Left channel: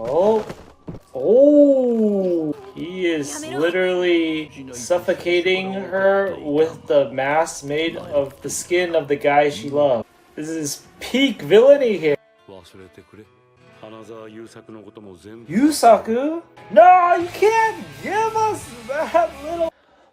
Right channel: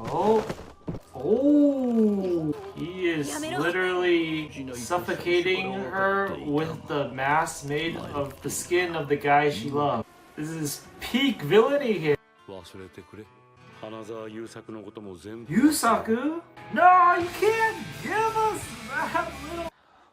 Oh. Oh. He is literally suffocating her with the mask made of the skin of the guy she loves. This is peak villainy here. Yusaku? No, you can't give us that little...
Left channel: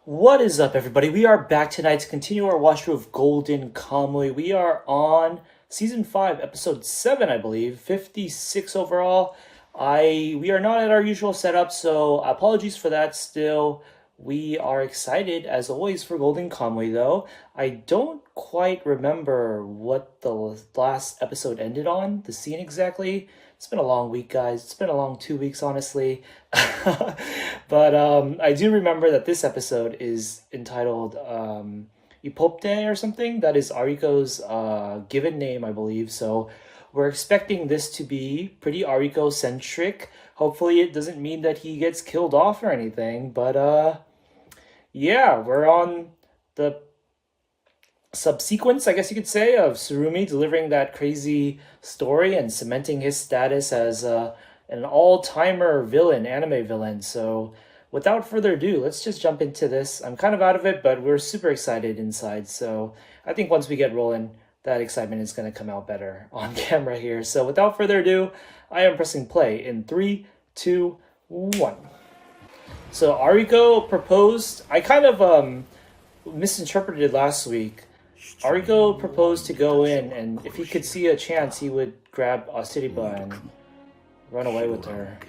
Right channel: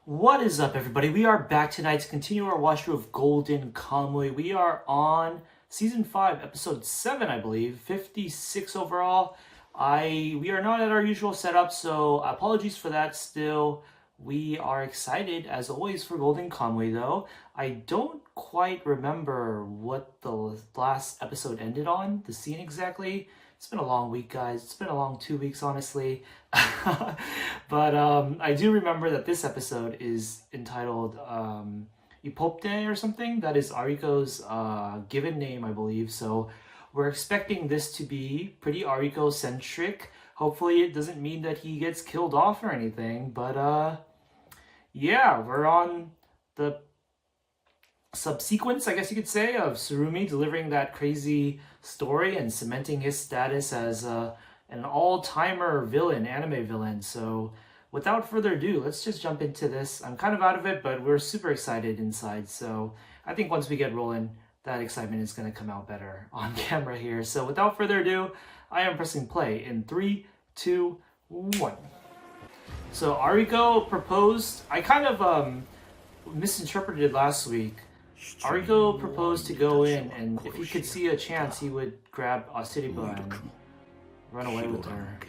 What is up, everybody? We are back tonight to continue our watch through of Golden Kamuy. We are on Season 5, Episode 7, I believe. 56 overall. We are not at our usual setup, so apologies for that still. We are excited, as always, for Golden Kamuy, though. I don't quite remember what the last episode ended on, the scene exactly. It's been a long week, guys. It's been a long 2 weeks, honestly. But I do remember that this episode is entitled Ipopte or something. That is Ariko's given name, I believe. So we're expecting this to be pretty Ariko-centric. Hopefully it doesn't mean that he gets killed off or anything. But yeah, we're on the subsequence, I guess you could say, of Tsurumi delivering that crazy story and cementing his status as an all-timer villain, anime villain. So without further ado, let's just jump into this. I'm kind of out of it, but we're super excited inside. So I think once we get rolling, that excitement is going to come out better on camera here. So without further ado, I am pressing play in 3, 2, 1. So Ariko proposed, I kind of misinterpreted last week. Ariko proposed to go in, and if he could see a chance, he would grab Siriba and run away with her.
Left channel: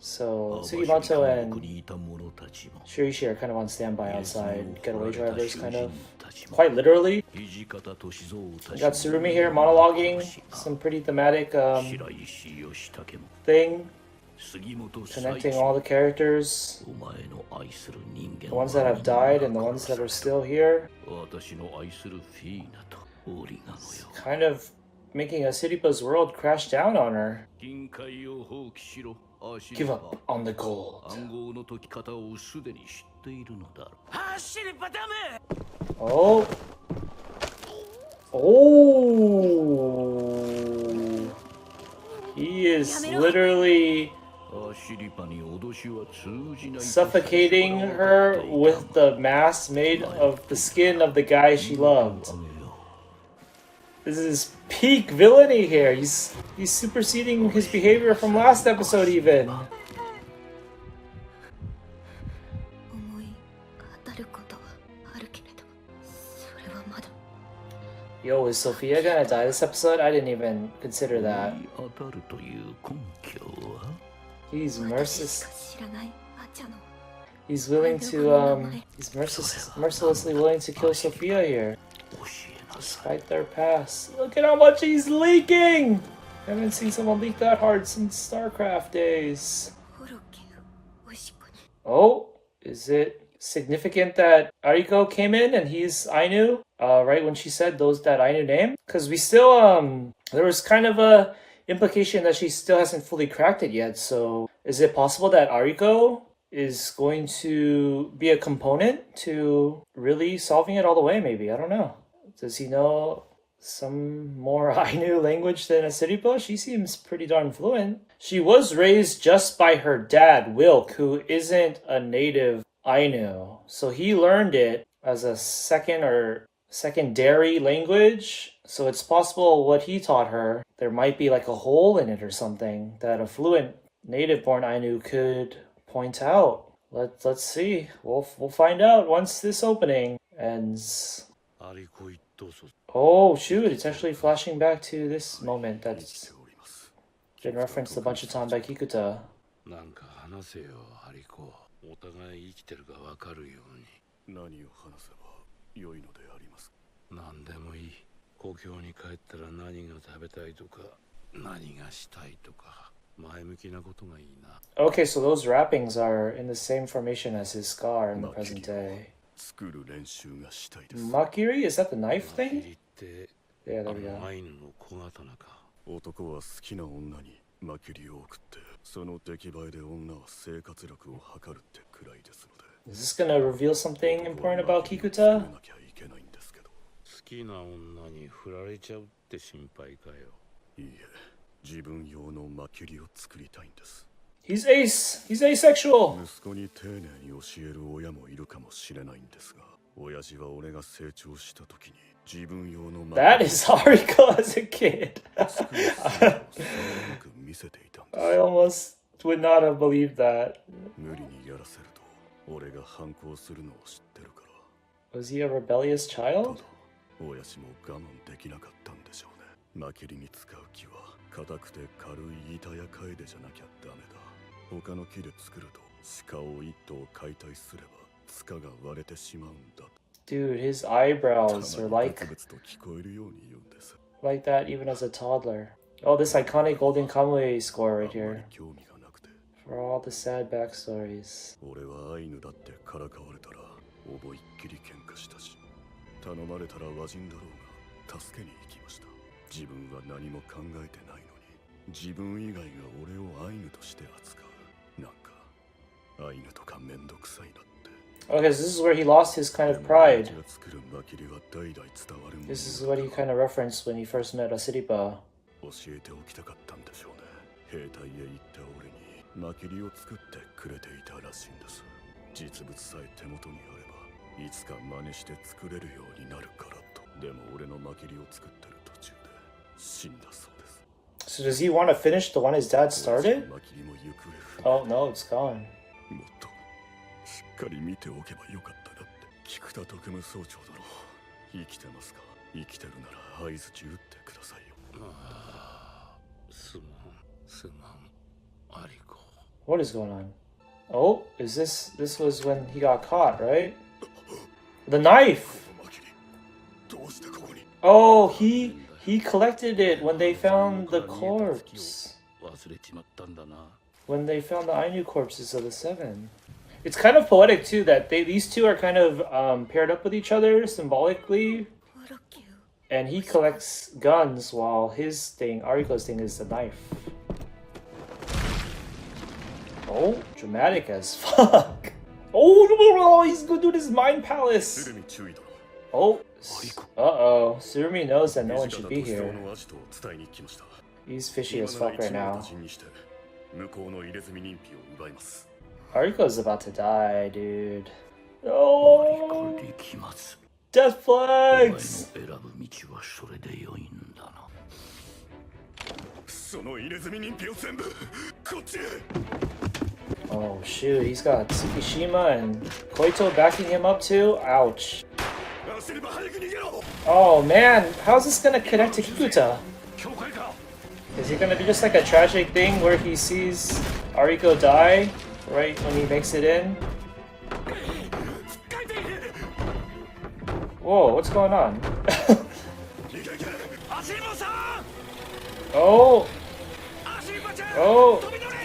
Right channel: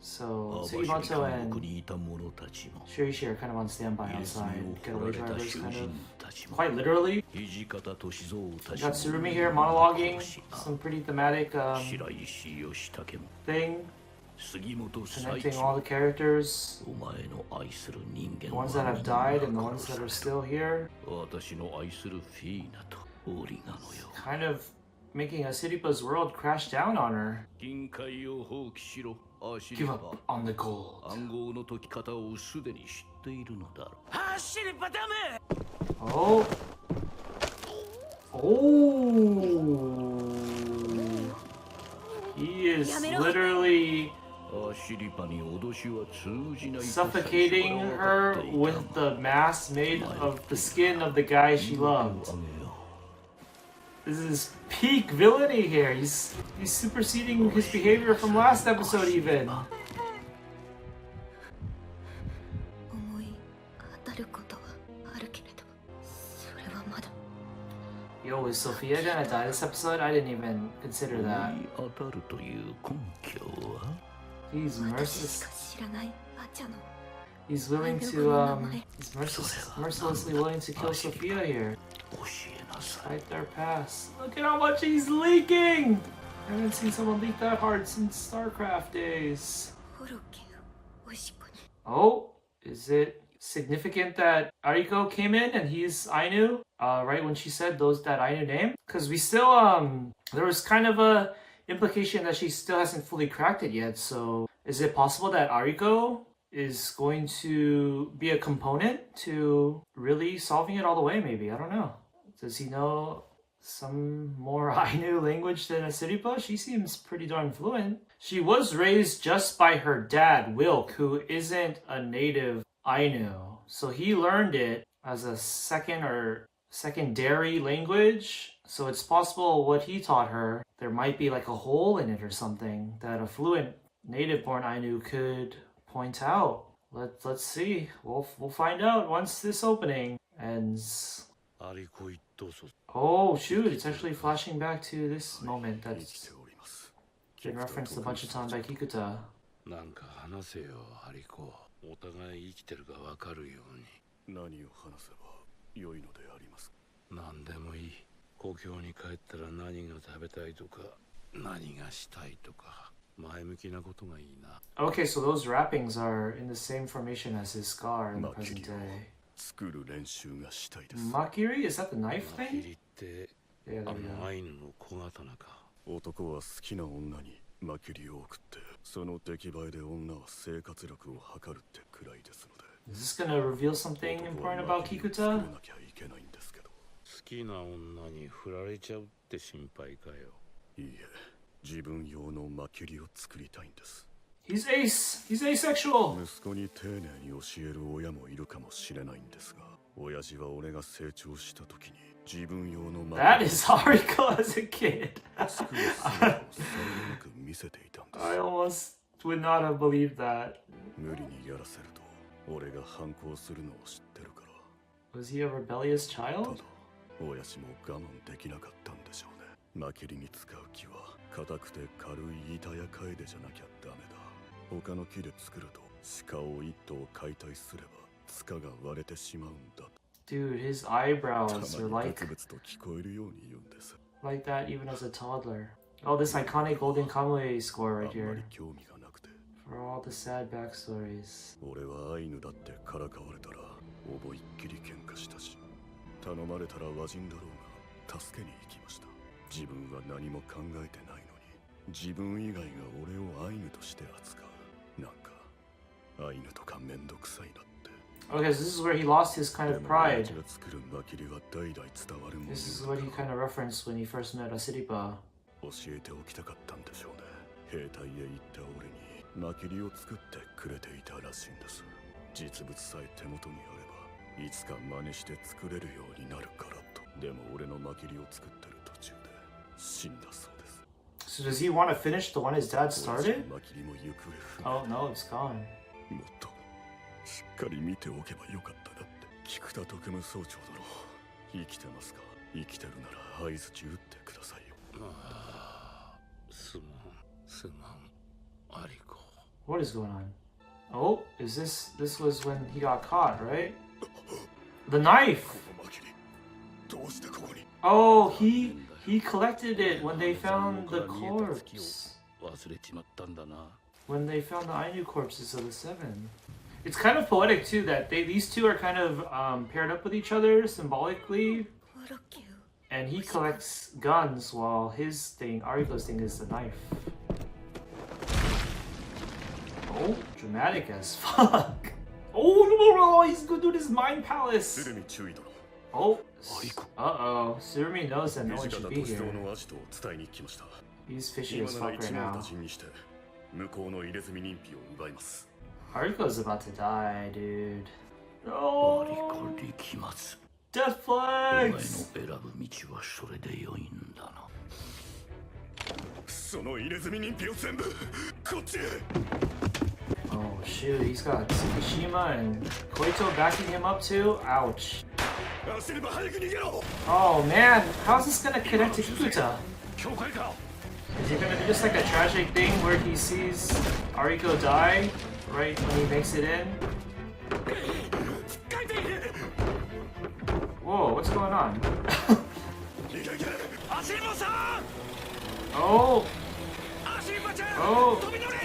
So Suribato and Shirishi are kind of on standby outside, getaway drivers, kind of. Quite literally. We got Tsurumi here monologuing, some pretty thematic thing. Connecting all the characters, the ones that have died and the ones that are still here. Kind of making Siripa's world crash down on her. Give up on the gold. Oh. Oh. He is literally suffocating her with the mask made of the skin of the guy she loved. This is peak villainy here. He's superseding his behavior from last episode even. Yo, is Sophia gonna die this episode? I didn't even consider that. He's merciless. He's willing to, he's mercilessly willing to kill Sophia here. Despite their past. Look at how much he's leaking! I haven't seen someone leak that hard since StarCraft days. Oh, is it significant that Ariko came in and he's Ainu? Right when she said that Ainu name? Because we still, there was kind of a implication that she still hasn't fully cracked it yet. So is it possible that Ariko is going to be a component to really solving it all the way, maybe? I don't know. Does he know some more Ainu language than Siripa? She seems pretty darn fluent. She was raised just by her dad, Wilk, who isn't a native Ainu. So he learned it as a secondary language. So it's possible what he taught her, there might be like a hole in it or something that a fluent native-born Ainu could point out. Let's see. We'll find out once this opening ends. Oh shoot, it's actually flashing back to this moment that's been referenced a bunch of times by Kikuta. Okay, so those wrappings are in the same formation as his scar in the present day. Makiri? Is that the knife thing? Yeah, there we go. Is this gonna reveal something important about Kikuta? He's ace. He's asexual. 息子に丁寧に教える親もいるかもしれないんですが、親父は俺が成長した時に自分用の That is Ariko as a kid. 作る姿をさりげなく見せていたんです。 I almost would not have believed that. 無理にやらせると俺が反抗するのを知ってるから。 Was he a rebellious た child? だ親父も我慢できなかったんでしょうね。マキリに使う木は硬くて軽い板やカエデじゃなきゃダメだ。他の木で作ると鹿を一頭解体すれば塚が割れてしまうんだ。 Dude, his eyebrows た are まに like ブツブツと聞こえるように言うんです。 like that even as a toddler. Oh, this iconic golden Kamuy score あ right んまり here. 興味がなくて。 For all the sad backstories. 俺はアイヌだってからかわれたら思いっきり喧嘩したし、頼まれたら和人だろうが助けに行きました。自分は何も考えてないのに自分以外が俺をアイヌとして扱う。なんかアイヌとかめんどくさいなって。 Okay, so this is where he lost his kind で of も pride. 親父が作るマキリは代々伝わるもの This is what he kind of referenced when he first met Asiripa. 教えておきたかったんでしょうね。兵隊へ行った俺にマキリを作ってくれていたらしいんです。実物さえ手元にあればいつか真似して作れるようになるからと。でも俺のマキリを作ってる途中で死んだそうです。 So does he want to finish the one his dad 親父 started? のマキリも行方不明。 Oh no, it's gone. もっとしっかり見ておけばよかったなって。菊田特務総長だろう。生きてますか？生きてるなら合図打ってくださいよ。すまん、アリコ。 What is going on? Oh, is this was when he got caught, right? The knife! このマキリどうしてここに？ Oh, he collected it when they found the corpse. 忘れちまったんだな。 When they found the Ainu corpses of the seven. It's kind of poetic too that these two are kind of paired up with each other symbolically. And he collects guns while his thing, Ariko's thing, is the knife. Oh, dramatic as fuck. Oh, no, he's gonna do this mind palace. 鶴見注意だろ。 Oh, アリコ。 uh-oh. Surumi knows that no one 土 should 方 be 歳三 here. のアジトを伝えに来ました。 He's fishy 今 as なら fuck right 一網 now. 打尽にして向こうの入れ墨認否を奪います。 Ariko's about to die, dude. ア Oh, リコ力松。 death お前の flags. 選ぶ道はそれで良いんだな。その入れ墨認否を全部こっちへ。 Oh shoot, he's got Tsukishima and Koito backing him up too. Ouch. 走れば早く逃げろ。 Oh man, how's this gonna connect to Kikuta? 教会か。 Is it gonna be just like a tragic thing where he sees Ariko die right when he makes it in? Whoa, what's going on? 逃げいけ。 アシリバさん。 Oh, アシリバちゃん。 oh, 飛び乗れ。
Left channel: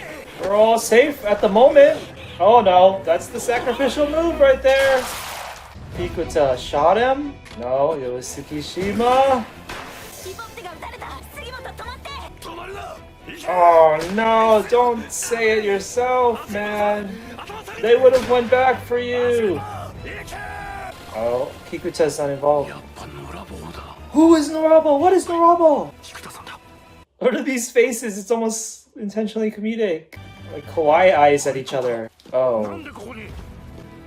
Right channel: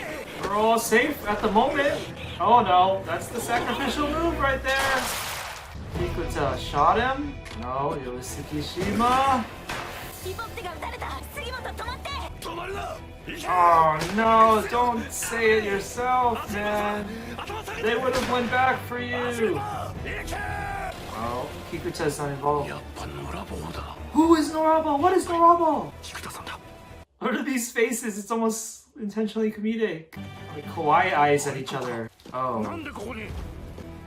we're all safe at the moment. Oh no, that's the sacrificial move right there. Kikuta shot him? No, it was Tsukishima. リボッテが撃たれた。杉本止まって。止まるな。行け。 Oh no, don't say it yourself, man. They would have went back for you. 行け。 Oh, Kikuta's not involved. やっぱ野良棒だ。 Who is Norabo? What is Norabo? 菊田さんだ。 What are these faces? It's almost intentionally comedic. Like kawaii eyes at each other. な Oh, んでここに。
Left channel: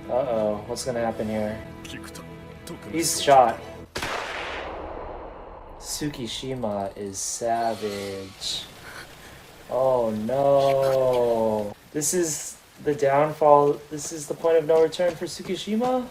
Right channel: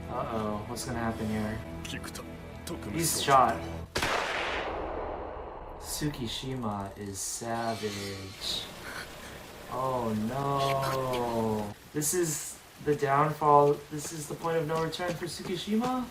uh-oh. What's gonna happen here? 菊田特務 He's 総長だ shot. ろう。 Tsukishima is savage. Oh no. This is the downfall. This is the point of no return for Tsukishima?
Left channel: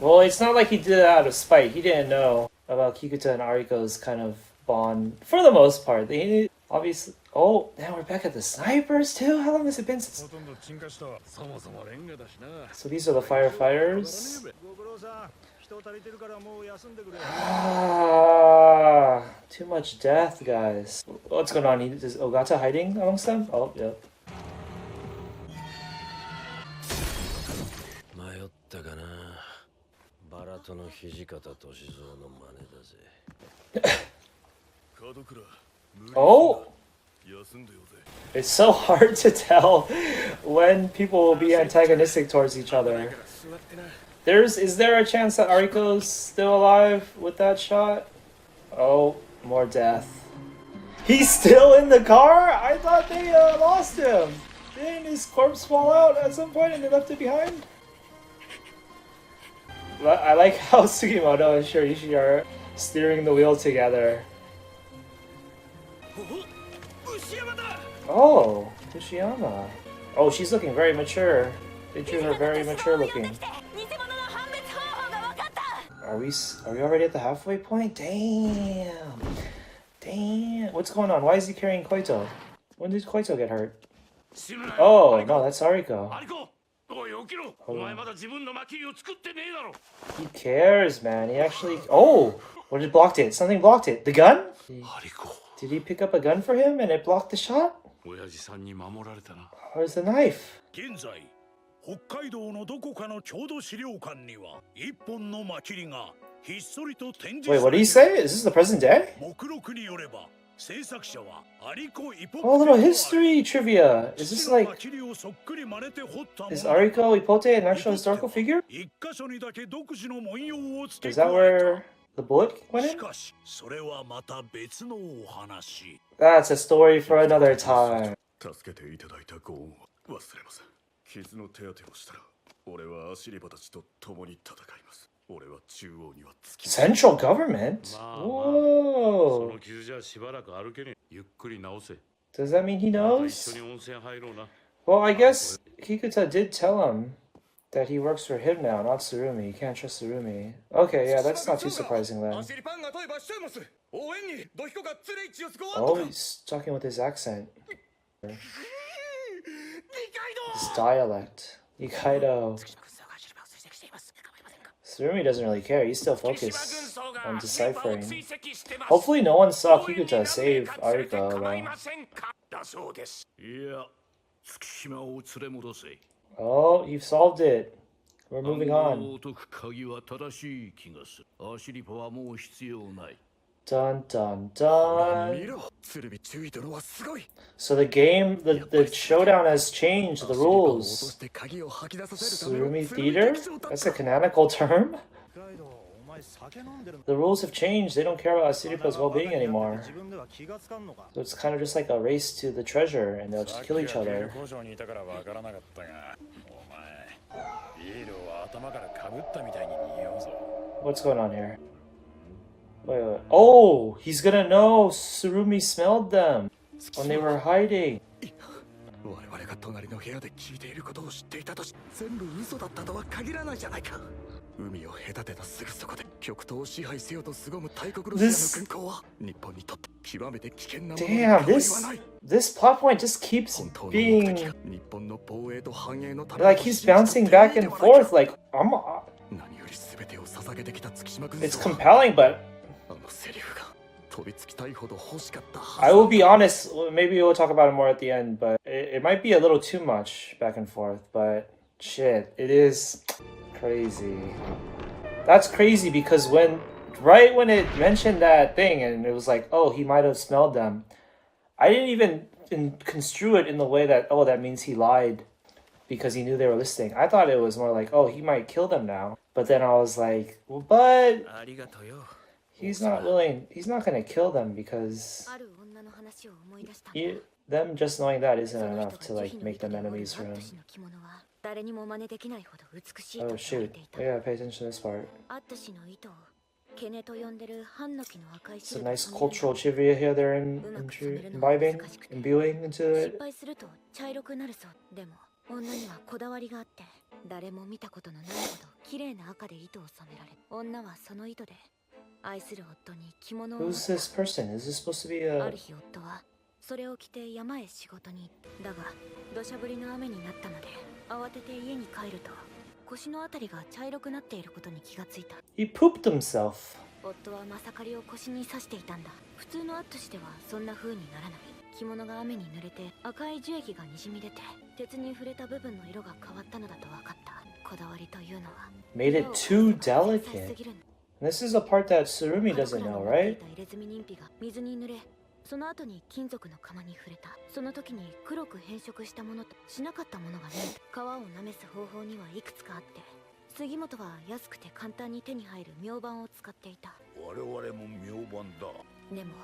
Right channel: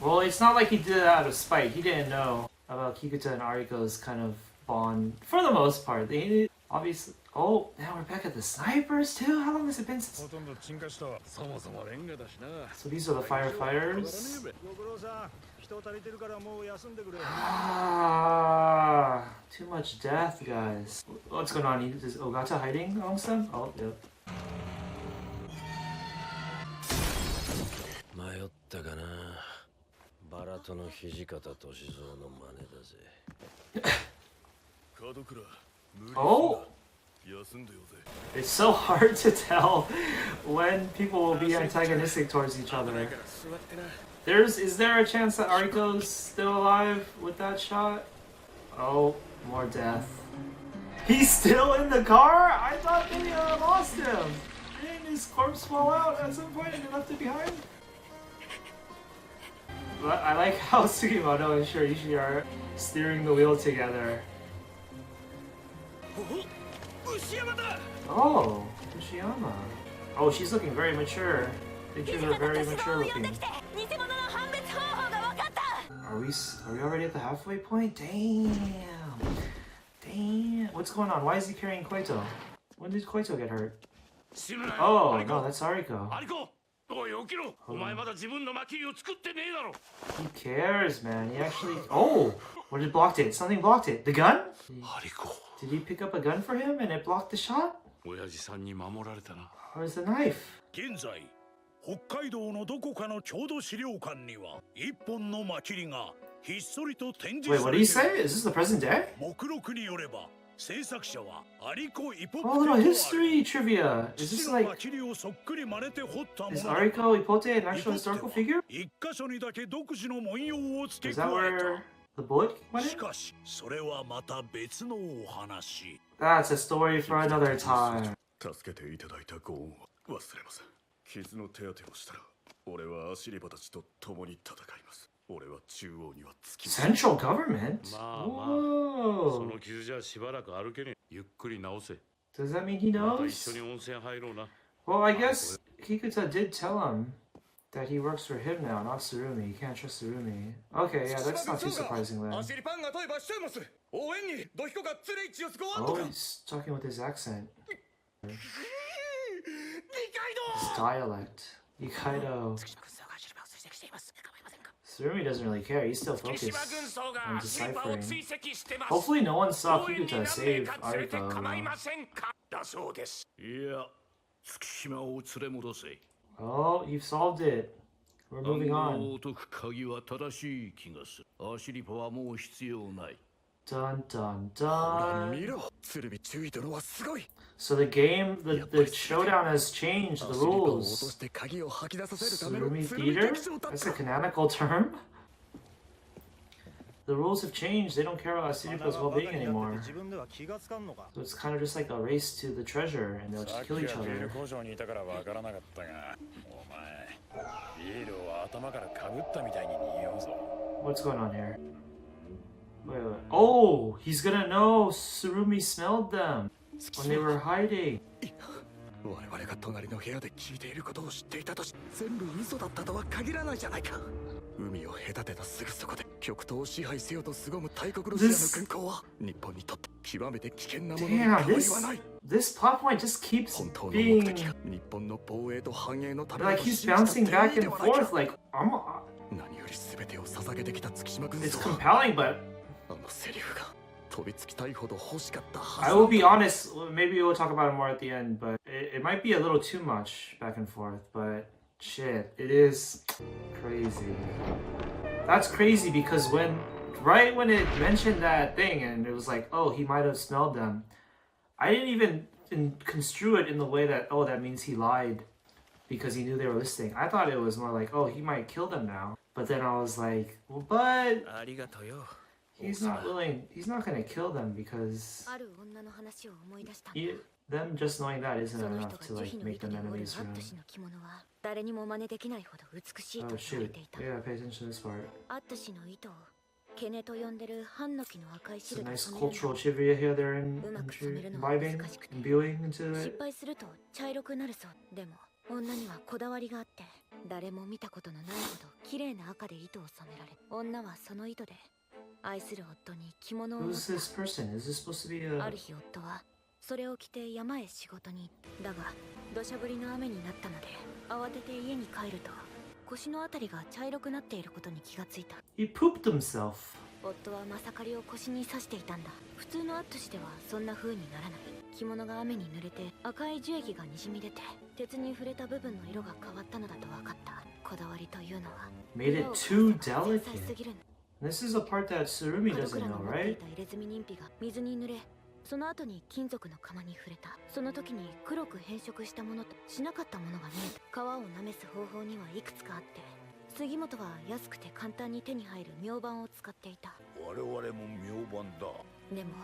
Well, it's not like he did it out of spite. He didn't know about Kikuta and Ariko's kind of bond for the most part. They obviously. Oh, now we're back at the snipers too? How long has it been since? ほとんど沈下した。そもそもレンガだしな。 So these are the firefighters? ご苦労さん。人足りてるからもう休んでくれ。 Ah, too much death, guys. What's going on? Is Ogata hiding amongst them? Oh, yep. 迷ったかな。バラとの土方歳三の真似だぜ。門倉無理すんな。 Oh, 休んでよぜ。 it's so hard to tell when people will be antagonistic towards each other. Is there a chance that Ariko's still alive with that shot? Oh, more death. He's still in the car? I thought they lost him. Didn't his corpse fall out at some point and they left it behind? I like how Sugimoto and Shirishi are steering the wheel together. Oh, Fushiyama. Oh, she's looking very mature. They drew her very mature looking. Are we already at the halfway point? Damn. Damn. What's going on? Why is he carrying Koito? When did Koito get hurt? Oh, no, that's Ariko. He cares, man. He actually... Oh! What did blocked it? Something blocked it. The gun? Did he pick up a gun for him and it blocked the shot? Where's the knife? 現在北海道のどこかの郷土資料館には一本のマキリがひっそりと展示 Wait, さ what れ did he てい say? る。 Is this the present day? 目録によれば制作者はアリコ・イポ Oh, a プ little テとある。 history trivia. Is 父 this の like... マキリをそっくり真似て彫ったも Is のだが Ariko Ipote an イ actual ポプテ historical は figure? 一箇所にだけ独自の文様を付 Is け that 加え where the bullet た。 went し in? かしそれはまた別のお話。 That's a story for another time. 助けていただいたご恩は忘れません。傷の手当てをしたら俺はアシリバたちと共に戦います。俺は中央にはつきません。 Central government? まあまあそ Whoa. の傷じゃしばらく歩けねえ。ゆっくり治せ。 Does that mean he また knows? 一緒に温泉入ろうな。 Well, I guess Kikuta did tell him that he works for him now, not Tsurumi. He can't trust Tsurumi. Okay, yeah, that's not too surprising then. シリパンが問えばしてます。応援にドヒコがつれいちをすごわん Oh, とか。 he's talking with his accent. 理解 His dialect. Ikaido. Tsurumi doesn't really care. He's still focused on deciphering. Hopefully no one saw Kikuta save Ariko. だそうです。いや、月島を連れ戻せ。 Oh, you've solved it. We're moving 暗 on. 号を解く鍵は正しい気がする。アシリパはもう必要ない。 Dun dun 見 dun. ろ鶴見注意殿はすごい。 So the game, the showdown has changed the アシリパを落と rules. して鍵を吐き出させるための Surumi 鶴見 theater? 劇場だっ That's た a canonical term? 北海道お前酒飲んでる。 The rules have changed. They don't care about Asiripa's well-being anymore. 自分では気がつかんのか。 So it's kind of just like a race to the treasure, and they'll just kill each other. 工場にいたからわからなかったが、お前、ビールを頭からかぶったみたいに匂うぞ。 What's going on here? Wait, wait. Oh, he's gonna know Surumi smelled them when they were hiding. 我々が隣の部屋で聞いていることを知っていたとし全部嘘だったとは限らないじゃないか。海を隔てたすぐそこで極東を支配せよと凄む大国ロシアの軍港は日本にとって極めて危険なものに変 Damn, わり this はない。 this plot point just keeps 本当の目 being 的が日本の防衛と繁栄のため like he's bouncing back and forth. Like I'm, 何より全てを捧げてきた月島軍 it's 曹は compelling, but あのセリフが飛びつきたいほど欲しかったは I ず will be honest. Maybe we'll talk about it more at the end, but it might be a little too much back and forth. But shit, it is crazy. That's crazy because right when it mentioned that thing and it was like, oh, he might have smelled them, I didn't even construe it in the way that, oh, that means he lied because he knew they were listening. I thought it was more like, oh, he might kill them now. But then I was like, well, but ありがとよ。 he's not gonna kill them because ある女の話を思い出したんだ。 them just knowing that isn't その enough 人 to が like 慈悲の make 糸 them で織る enemies ア for ッ him. ト氏の着物は誰にも真似できないほど美しい Oh と言われ shoot. ていた。 Yeah, pay attention to this part. アット氏の糸をケネと呼んでるハンノキの赤い It's 汁 a で nice 染める cultural の。 trivia here they're imbibing, imbuing into 失 it. 敗すると茶色くなるそう。でも女にはこだわりがあって誰も見たことのないほど綺麗な赤で糸を染められ、女はその糸で愛する夫に着物を織っ Who's this person? Is this supposed to be た。あ a... る日夫はそれを着て山へ仕事に行った。だが土砂降りの雨になったので慌てて家に帰ると腰のあたりが茶色くなっていることに気がついた。 He pooped himself. 夫はまさかりを腰に刺していたんだ。普通のアット氏ではそんな風にならない。着物が雨に濡れて赤い樹液がにじみ出て鉄に触れた部分の色が変わったのだと分かった。こだわりというのは Made it 色を too 変えれば繊細す delicate. ぎるんだ。 This is a part that Surumi 角 doesn't 倉の know, 持ってい right? た入れ墨人皮が水に濡れ、その後に金属の釜に触れた。その時に黒く変色したものとしなかったものが見えた。皮をなめす方法にはいくつかあって、杉本は安くて簡単に手に入る明板を使っていた。我々も明板だ。でも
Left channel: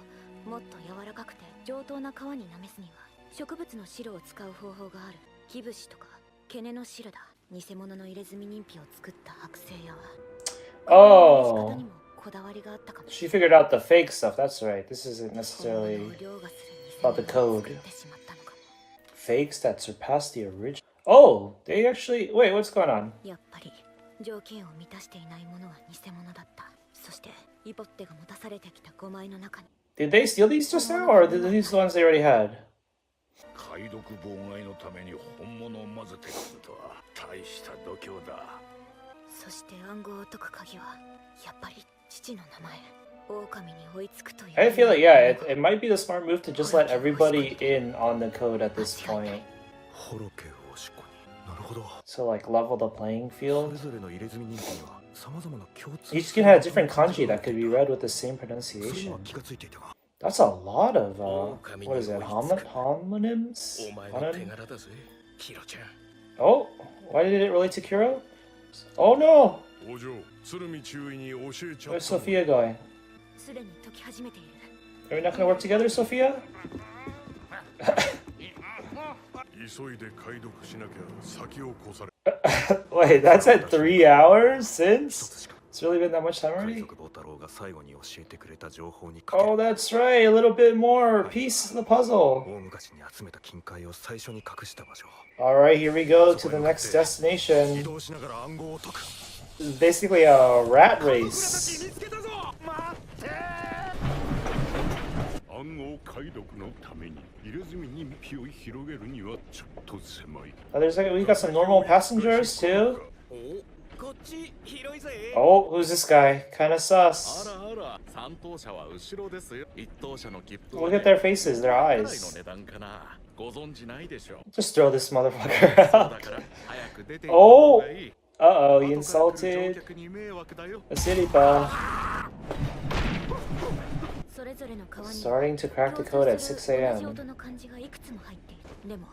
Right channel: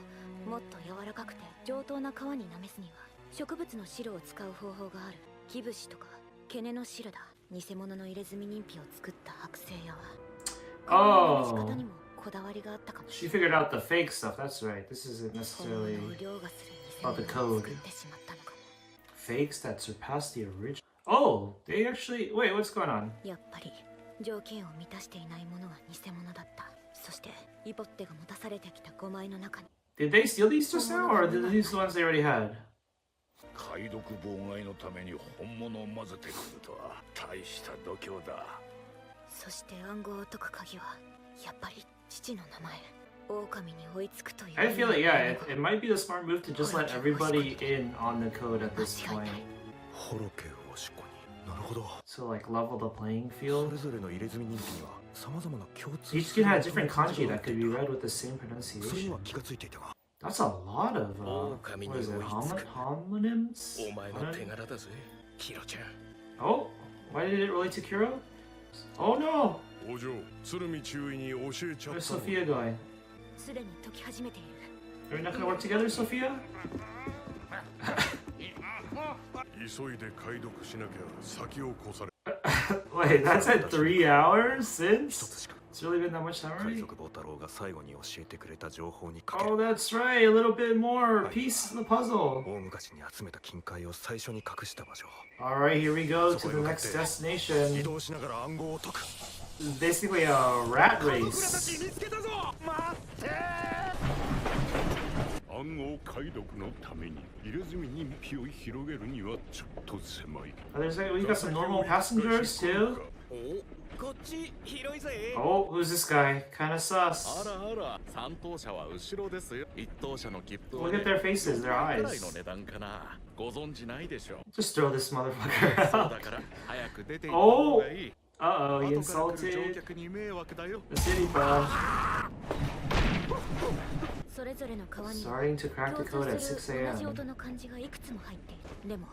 もっと柔らかくて上等な皮になめすには植物の汁を使う方法がある。キブシとかケネの汁だ。偽物の入れ墨人皮を作った剥製屋は皮のなめし方にもこだわりがあったかもし She れない。 figured out the fake stuff. That's right. This isn't 本 necessarily 物を凌駕する偽 about the 物を code. 作ってしまったのかも。 Fakes that surpass the original. Oh, they actually. Wait, what's going on? やっぱり条件を満たしていないものは偽物だった。そしてイポッテが持たされてきた5枚の中に Did they steal these just now, or are these the ones they already had? 解読妨害のために本物を混ぜてくるとは大した度胸だ。そして暗号を解く鍵はやっぱり父の名前狼に追いつくという I feel like, yeah, it might be the smart move to just let everybody in on the code at this point. ホロケをしこに。なるほど。 So, like, level the playing そ field. れぞれの入れ墨人気には様々な共通 Each kid had a different kanji that could be read with the same それに pronunciation. は気がついていたが。 That's a lot of, what is it, homonyms? お前の手柄だぜ、キロちゃん。 Oh, why did it relate to Kuro? Oh no! 王女、鶴見中尉に教えちゃっ Where's たの。 Sophia going? すでに解き始めている。 Are we not gonna work together, Sophia? 急いで解読しなきゃ先を越され。 Wait, that's at 3 hours 一 since? つしか It's really been that much time 海 already? 賊坊太郎が最後に教えてくれた情報にかけ Oh, that's right. A little bit more pieces of the puzzle. 大昔に集めた金塊を最初に隠した場所。 All right, here we go そ to こへ the 向かっ next て移 destination. 動しながら暗号を解く。 It's basically a rat race. 見つけたぞ。待って。暗号解読のために入れ墨人皮を広げるにはちょっと狭い。 Oh, there's like we got some normal passengers too. こっち広いぜ。 Oh, who's this guy? Kind of あ sus. らあら、三等車は後ろですよ。一等車の切符 Look at their faces, their くらいの eyes. 値段かな。ご存知ないでしょ。 Just throw this そう motherfucker だ out. から早く出て行った方がいい。 Uh oh, he 後から来る乗 insulted 客に迷惑だよ。 the city bus. それぞれの川に Starting to crack the 共 code at 通する 6 同じ a.m. 音の漢字がいくつも入っている。でも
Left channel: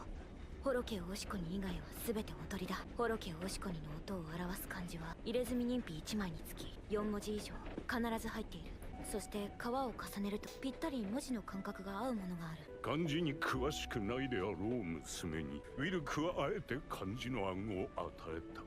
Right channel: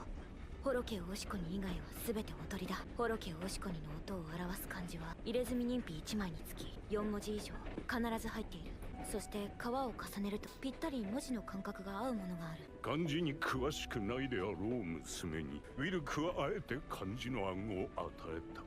ホロケオオシコニ以外は全ておとりだ。ホロケオオシコニの音を表す漢字は入れ墨人皮1枚につき4文字以上必ず入っている。そして皮を重ねるとぴったり文字の感覚が合うものがある。漢字に詳しくないであろう娘にウィルクはあえて漢字の暗号を与えた。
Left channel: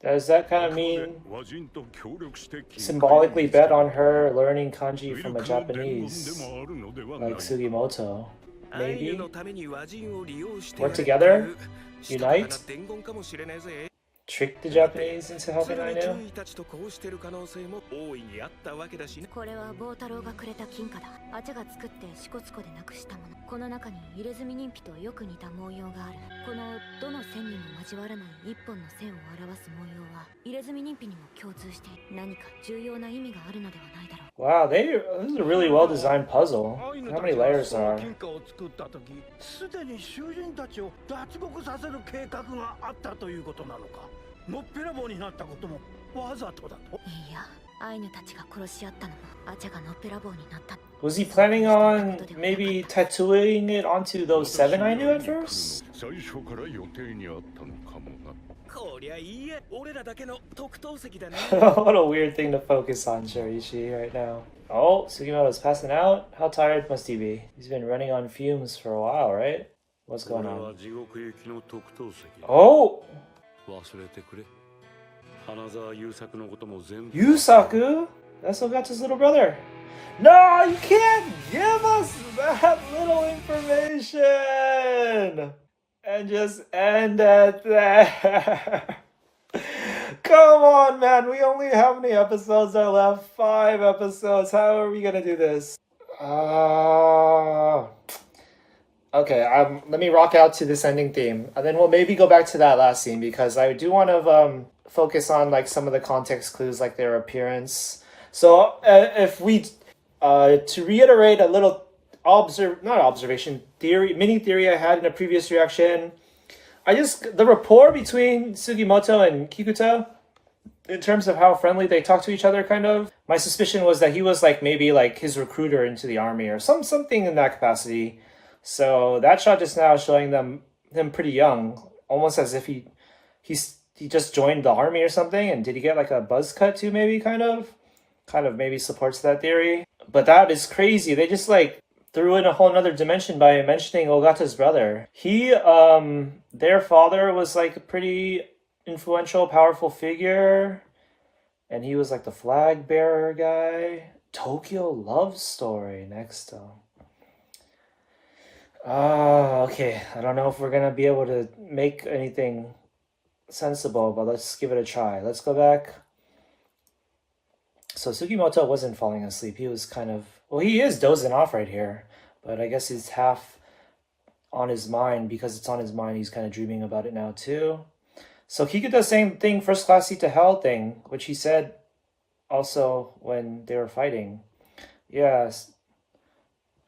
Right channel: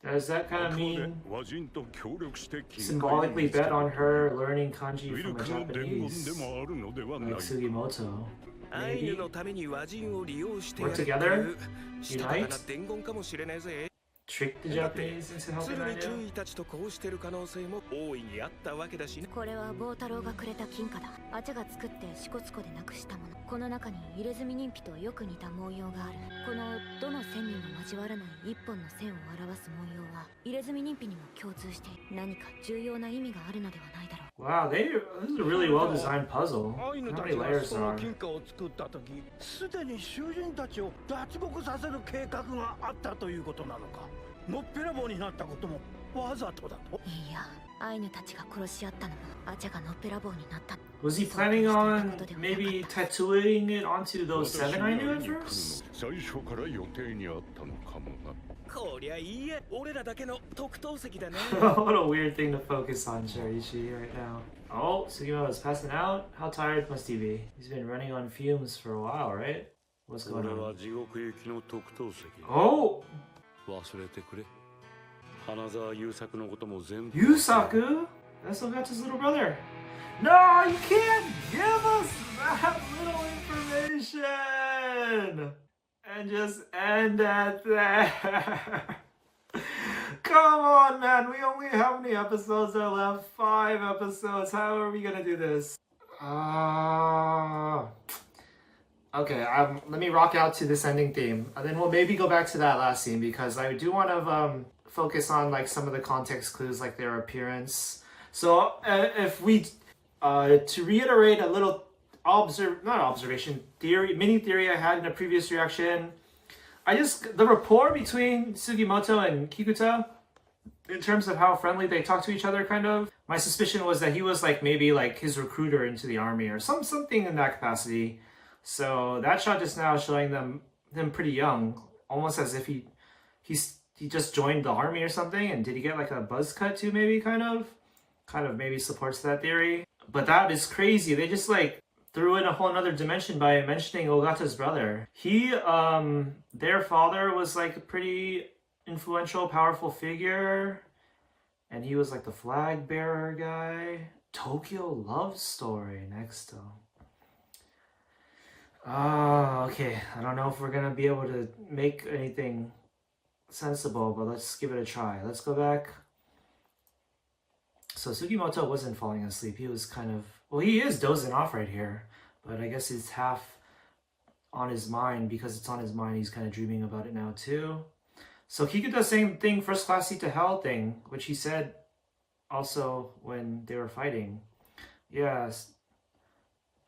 Does that kind あ of くまで mean 和人と協力して金 symbolically 塊を見つけ bet た on her learning ウ kanji ィ from ル a クの伝言 Japanese でもあるのではない like Sugimoto? アイヌ Maybe のために和人を利用して Work やる together? したたかな伝言かもしれないぜ。 trick the Japanese into helping 鶴見 Ainu? 中尉たちとこうしてる可能性も大いにあったわけだしね。これは棒太郎がくれた金貨だ。アチャが作って支笏湖でなくしたもの。この中に入れ墨人皮とよく似た文様がある。このどの線にも交わらない一本の線を表す文様は入れ墨人皮にも共通して何か重要な意味があるのではないだろう。 Wow, this is a really well designed puzzle. アイヌ How た many ちが layers その are? 金貨を作った時すでに囚人たちを脱獄させる計画があったということなのか。のっぺらぼうになったこともわざとだと。いいや、アイヌたちが殺し合ったのもアチャがのっぺらぼうになった。 Was he planning on maybe tattooing it onto those 7 I knew at 私が会いに来るの first? 最初から予定にあったのかもな。こりゃいいえ、俺らだけの特等席だね。 What a weird thing to focus on, Shorishi, right now. Oh, Sugimoto's passing out? How tired must he be? He's been running on fumes for a while, right? What's こ going れは on? 地獄行きの特等席。 Oh! 忘れてくれ。花沢優作のことも全部。 Yusaku? That's Ogata's little brother. No, you can't give us that little information! And just end at that. Come on, man. We only how many episodes are left? 5 episodes. How are we gonna do this? Okay, let me rock out to this ending theme, and then we'll maybe go back to that last scene because I do want to focus on like some of the context clues, like their appearance. So if we to reiterate a little mini theory I had in a previous reaction, the rapport between Sugimoto and Kikuta, in terms of how friendly they talk to each other, kind of. My suspicion was that he was like maybe like his recruiter into the army or something in that capacity. So that shot just now showing him pretty young, almost as if he just joined the army or something. And did he get like a buzz cut too? Maybe kind of maybe supports that theory. But that is crazy. They just like threw in a whole nother dimension by mentioning Ogata's brother. Their father was like a pretty influential, powerful figure, and he was like the flag bearer guy. Tokyo Love Story next up. Okay. I don't know if we're gonna be able to make anything sensible, but let's give it a try. Let's go back. So Sugimoto wasn't falling asleep. He was kind of, well, he is dozing off right here, but I guess it's half on his mind. Because it's on his mind, he's kind of dreaming about it now too. So Kikuta's same thing, first class seat to hell thing, which he said also when they were fighting. Yeah,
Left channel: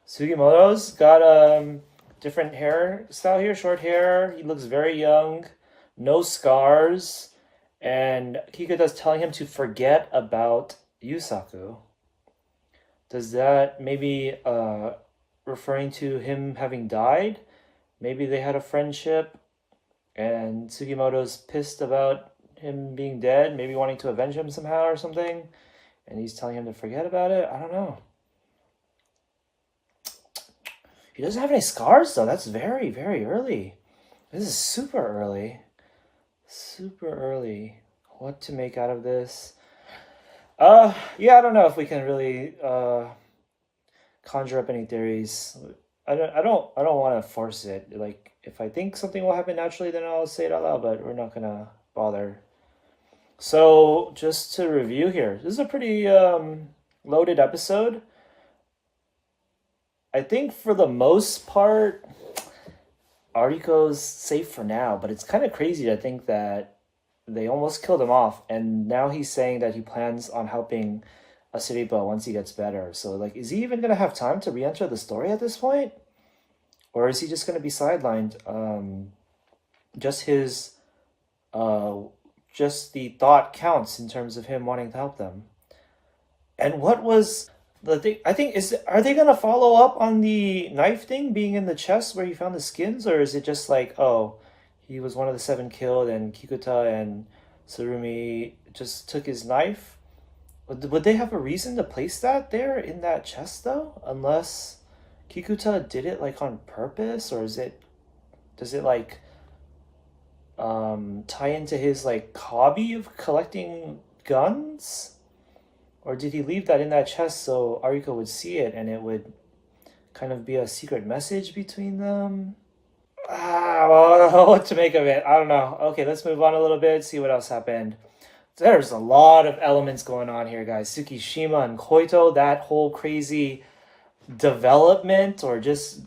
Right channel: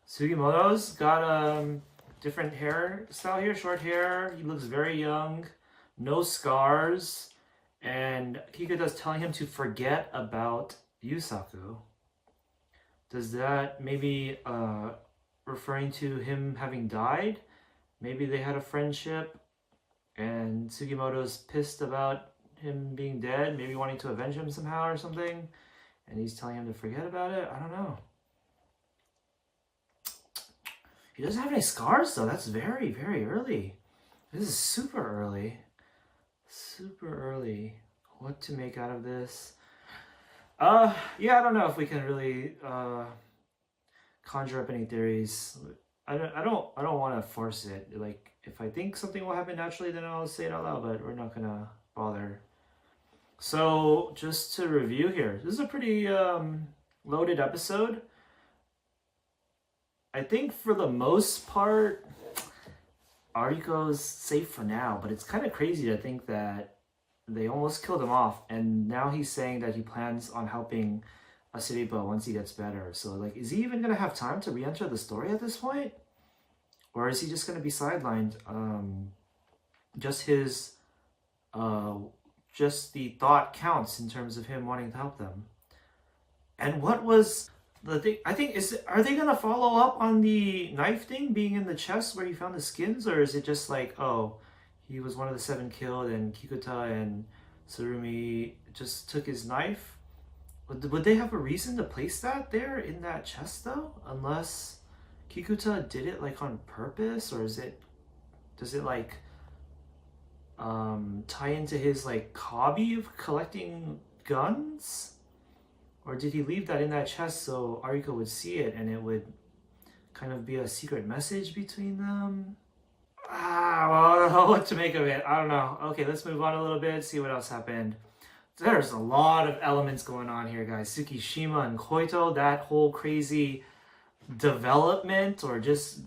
Sugimoto's got a different hairstyle here, short hair. He looks very young, no scars, and Kikuta's telling him to forget about Yusaku. Does that maybe referring to him having died? Maybe they had a friendship and Sugimoto's pissed about him being dead, maybe wanting to avenge him somehow or something, and he's telling him to forget about it? I don't know. He doesn't have any scars though. That's very, very early. This is super early. Super early. What to make out of this? Yeah, I don't know if we can really conjure up any theories. I don't want to force it. Like, if I think something will happen naturally, then I'll say it out loud, but we're not gonna bother. So just to review here, this is a pretty loaded episode. I think for the most part, Ariko's safe for now, but it's kind of crazy to think that they almost killed him off, and now he's saying that he plans on helping Asiripa once he gets better. So, like, is he even going to have time to re-enter the story at this point? Or is he just going to be sidelined? Just his, just the thought counts in terms of him wanting to help them. And what was the thing? I think, are they going to follow up on the knife thing being in the chest where he found the skins? Or is it just like, oh, he was one of the 7 killed, and Kikuta and Tsurumi just took his knife? Would they have a reason to place that there in that chest though? Unless Kikuta did it like on purpose, or does it like tie into his like hobby of collecting guns? Or did he leave that in that chest so Ariko would see it and it would kind of be a secret message between them? Well, what to make of it? I don't know. Okay, let's move on a little bit, see what else happened. There's a lot of elements going on here, guys. Tsukishima and Koito, that whole crazy development, or just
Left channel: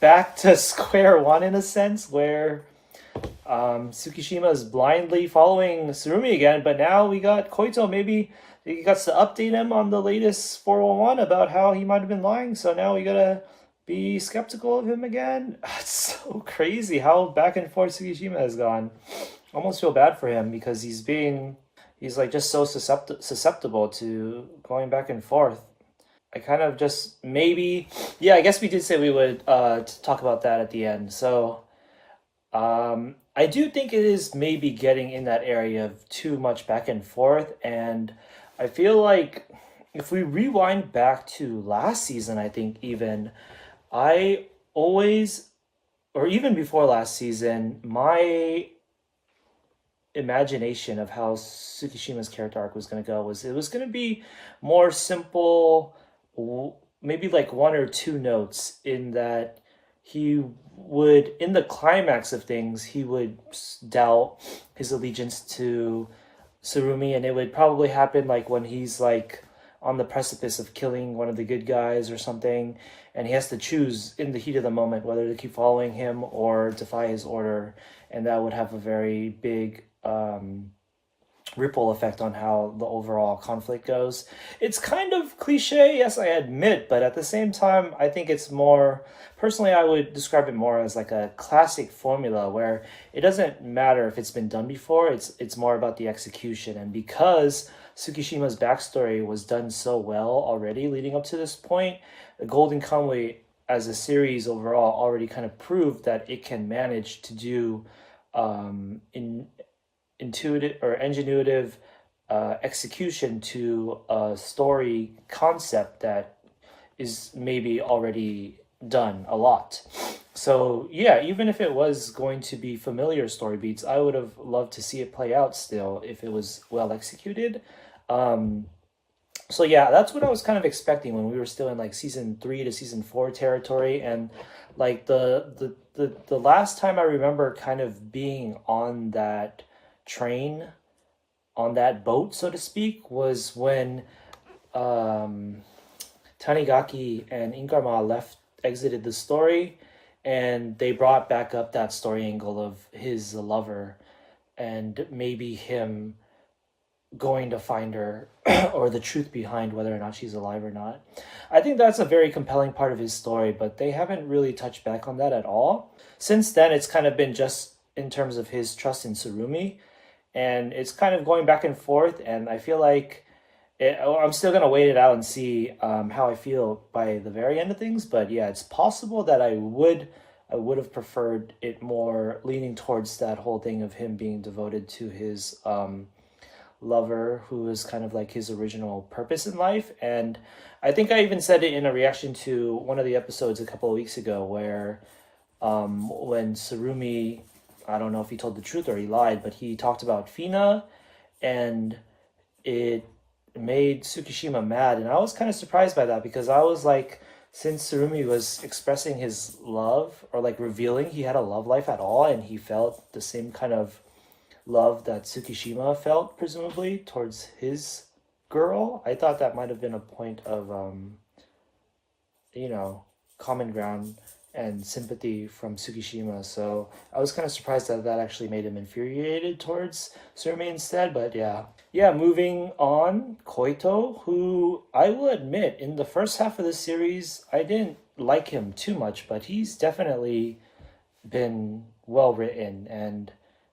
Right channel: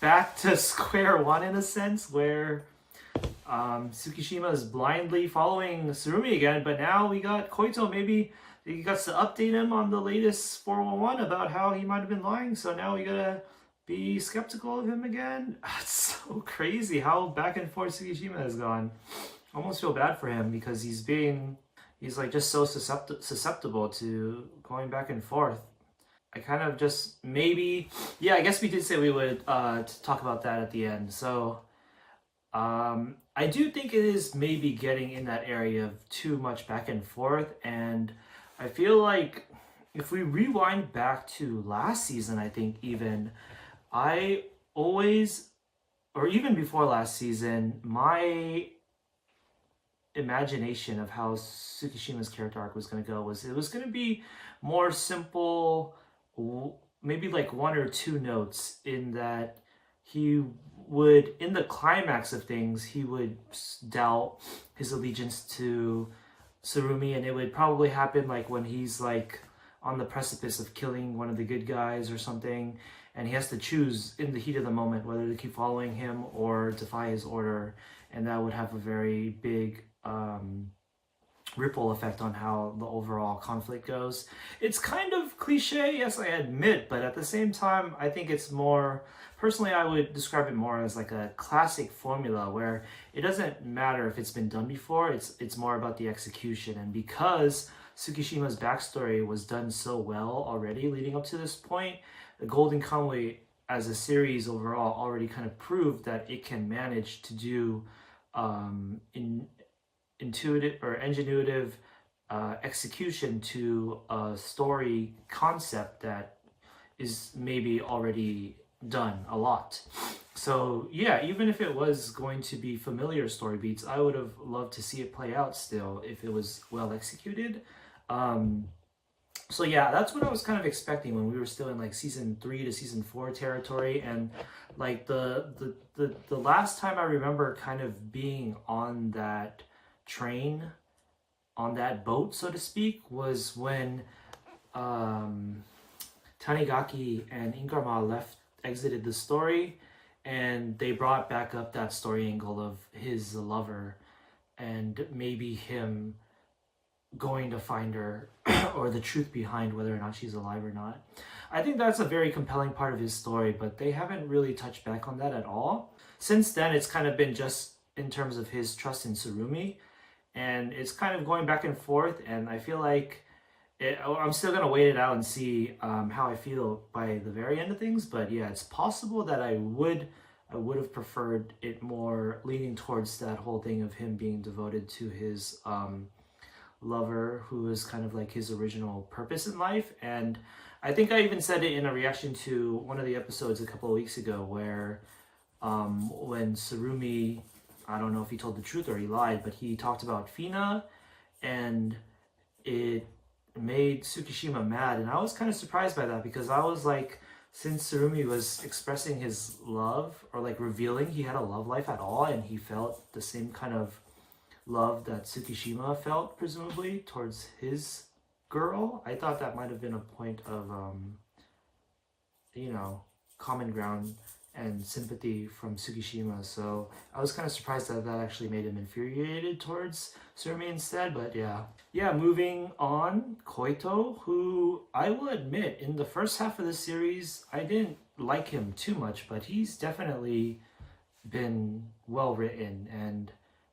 back to square one in a sense, where Tsukishima is blindly following Tsurumi again, but now we got Koito. Maybe he got to update him on the latest 411 about how he might have been lying, so now we gotta be skeptical of him again. It's so crazy how back and forth Tsukishima has gone. Almost feel bad for him because he's like just so susceptible to going back and forth. I kind of just maybe, yeah, I guess we did say we would talk about that at the end. So I do think it is maybe getting in that area of too much back and forth, and I feel like if we rewind back to last season, I think even I always, or even before last season, my imagination of how Tsukishima's character arc was going to go was it was going to be more simple, maybe like 1 or 2 notes, in that he would, in the climax of things, he would doubt his allegiance to Tsurumi, and it would probably happen like when he's like on the precipice of killing one of the good guys or something, and he has to choose in the heat of the moment whether to keep following him or defy his order, and that would have a very big ripple effect on how the overall conflict goes. It's kind of cliche, yes, I admit, but at the same time, I think it's more, personally, I would describe it more as like a classic formula where it doesn't matter if it's been done before, it's more about the execution. And because Tsukishima's backstory was done so well already leading up to this point, the Golden Kamuy as a series overall already kind of proved that it can manage to do intuitive or ingenuitive execution to a story concept that is maybe already done a lot. So yeah, even if it was going to be familiar story beats, I would have loved to see it play out still if it was well executed. So yeah, that's what I was kind of expecting when we were still in like season 3 to season 4 territory. And like the last time I remember kind of being on that train, on that boat, so to speak, was when Tanigaki and Inkarma exited the story, and they brought back up that story angle of his lover and maybe him going to find her or the truth behind whether or not she's alive or not. I think that's a very compelling part of his story, but they haven't really touched back on that at all. Since then, it's kind of been just in terms of his trust in Tsurumi, and it's kind of going back and forth, and I feel like I'm still going to wait it out and see how I feel by the very end of things. But yeah, it's possible that I would have preferred it more leaning towards that whole thing of him being devoted to his lover, who is kind of like his original purpose in life. And I think I even said it in a reaction to one of the episodes a couple of weeks ago where when Tsurumi, I don't know if he told the truth or he lied, but he talked about Fina, and it made Tsukishima mad. And I was kind of surprised by that, because I was like, since Tsurumi was expressing his love, or like revealing he had a love life at all, and he felt the same kind of love that Tsukishima felt, presumably, towards his girl, I thought that might have been a point of, common ground and sympathy from Tsukishima. So I was kind of surprised that that actually made him infuriated towards Tsurumi instead. But yeah, moving on, Koito, who I will admit in the first half of the series I didn't like him too much, but he's definitely been well written, and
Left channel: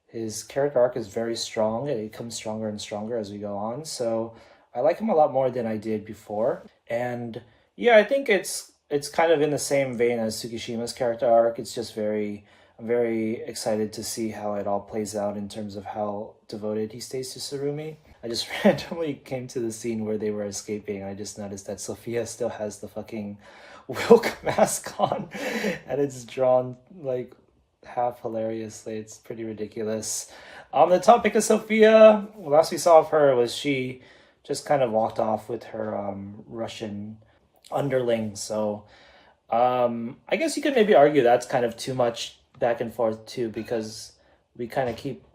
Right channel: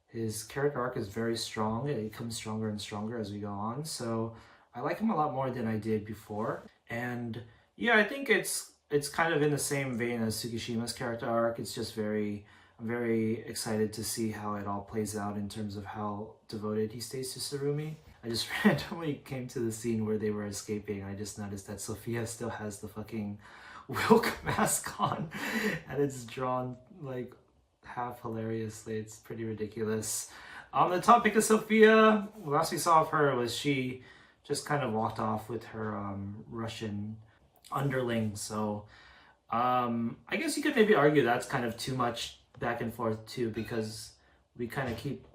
his character arc is very strong, and it becomes stronger and stronger as we go on. So I like him a lot more than I did before. And yeah, I think it's kind of in the same vein as Tsukishima's character arc. It's just I'm very excited to see how it all plays out in terms of how devoted he stays to Tsurumi. I just randomly came to the scene where they were escaping. I just noticed that Sophia still has the fucking Wilk mask on, and it's drawn like half hilariously. It's pretty ridiculous. On the topic of Sophia, last we saw of her was she just kind of walked off with her Russian underling. So I guess you could maybe argue that's kind of too much back and forth too, because we kind of keep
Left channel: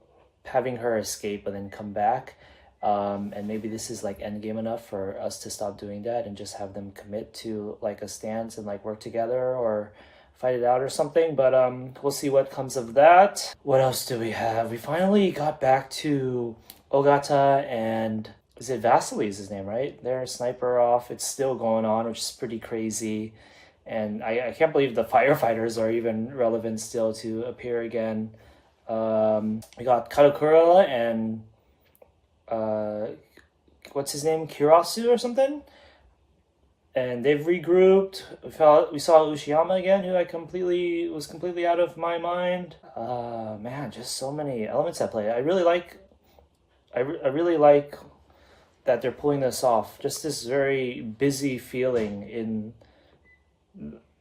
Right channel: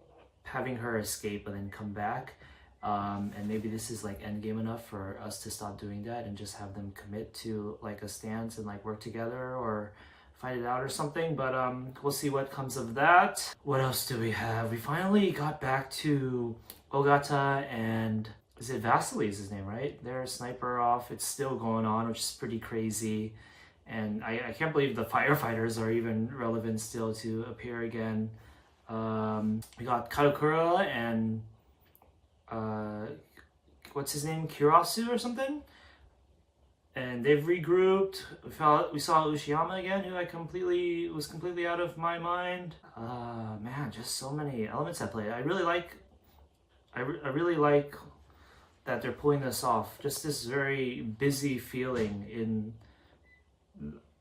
having her escape and then come back. And maybe this is like endgame enough for us to stop doing that and just have them commit to like a stance and like work together or fight it out or something. But we'll see what comes of that. What else do we have? We finally got back to Ogata, and is it Vasily is his name, right? Their sniper off. It's still going on, which is pretty crazy. And I can't believe the firefighters are even relevant still to appear again. We got Karakura and what's his name? Kirasu or something? And they've regrouped. We saw Ushiyama again, who was completely out of my mind. Man, just so many elements at play. I really like that they're pulling this off. Just this very busy feeling in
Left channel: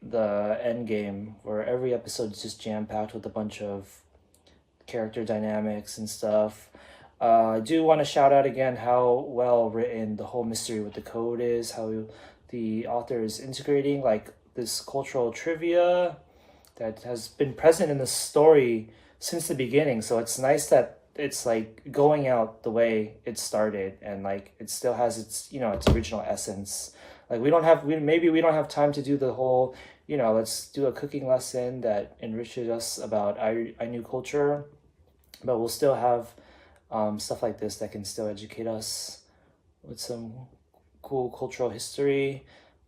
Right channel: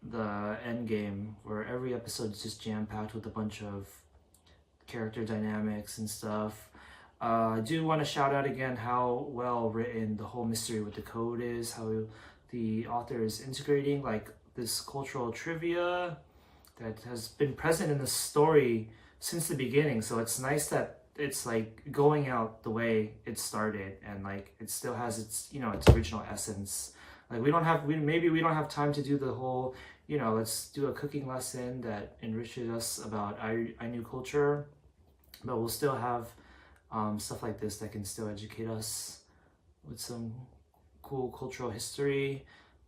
the end game, where every episode is just jam-packed with a bunch of character dynamics and stuff. I do want to shout out again how well written the whole mystery with the code is, how the author is integrating like this cultural trivia that has been present in the story since the beginning. So it's nice that it's like going out the way it started, and like it still has its its original essence. Like we don't have time to do the whole let's do a cooking lesson that enriches us about Ainu culture, but we'll still have stuff like this that can still educate us with some cool cultural history.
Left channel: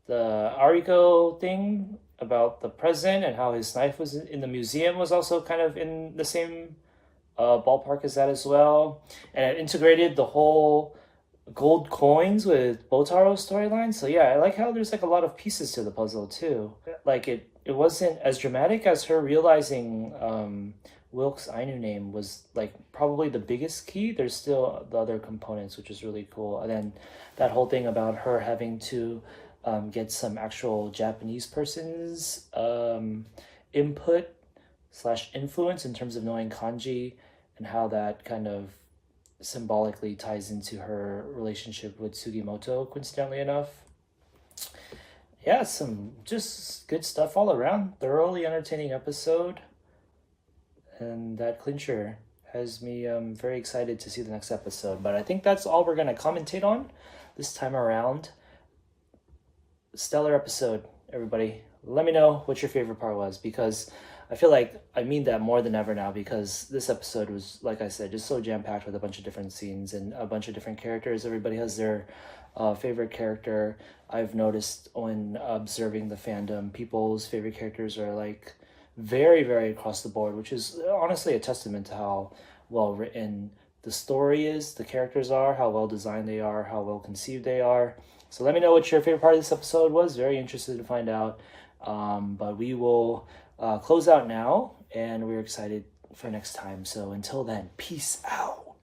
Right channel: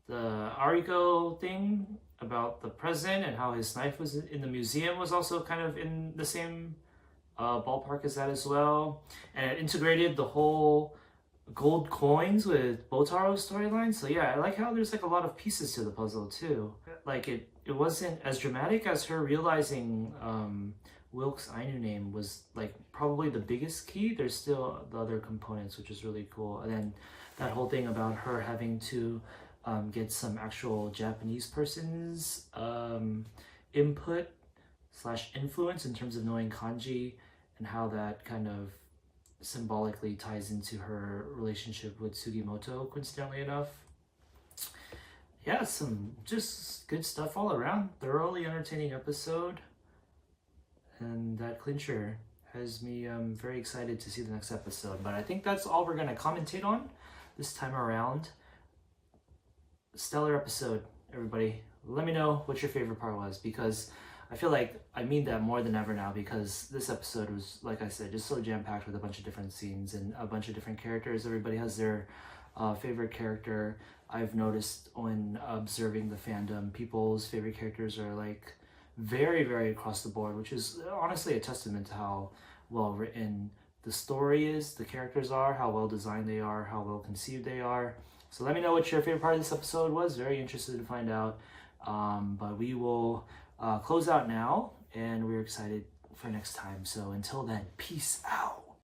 The Ariko thing about the present and how his knife was in the museum was also kind of in the same ballpark as that as well. And it integrated the whole gold coins with Botaro's storyline. So yeah, I like how there's like a lot of pieces to the puzzle too. Like it it wasn't as dramatic as her realizing Wilk's Ainu name was like probably the biggest key. There's still the other components, which is really cool. And then that whole thing about her having to get some actual Japanese person's input / influence in terms of knowing kanji, and how that kind of symbolically ties into her relationship with Sugimoto, coincidentally enough. Yeah, some just good stuff all around. Thoroughly entertaining episode. And that clincher has me very excited to see the next episode. But I think that's all we're going to commentate on this time around. Stellar episode, everybody. Let me know what your favorite part was, because I feel like I mean that more than ever now, because this episode was, like I said, just so jam-packed with a bunch of different scenes and a bunch of different characters. Everybody has their favorite character. I've noticed when observing the fandom, people's favorite characters are like very, very across the board, which is honestly a testament to how well written the story is, the characters are, how well designed they are, how well conceived they are. So let me know what your favorite part of this episode was. Very interested to find out. But we will close out now, and we're excited for next time. So until then, peace out.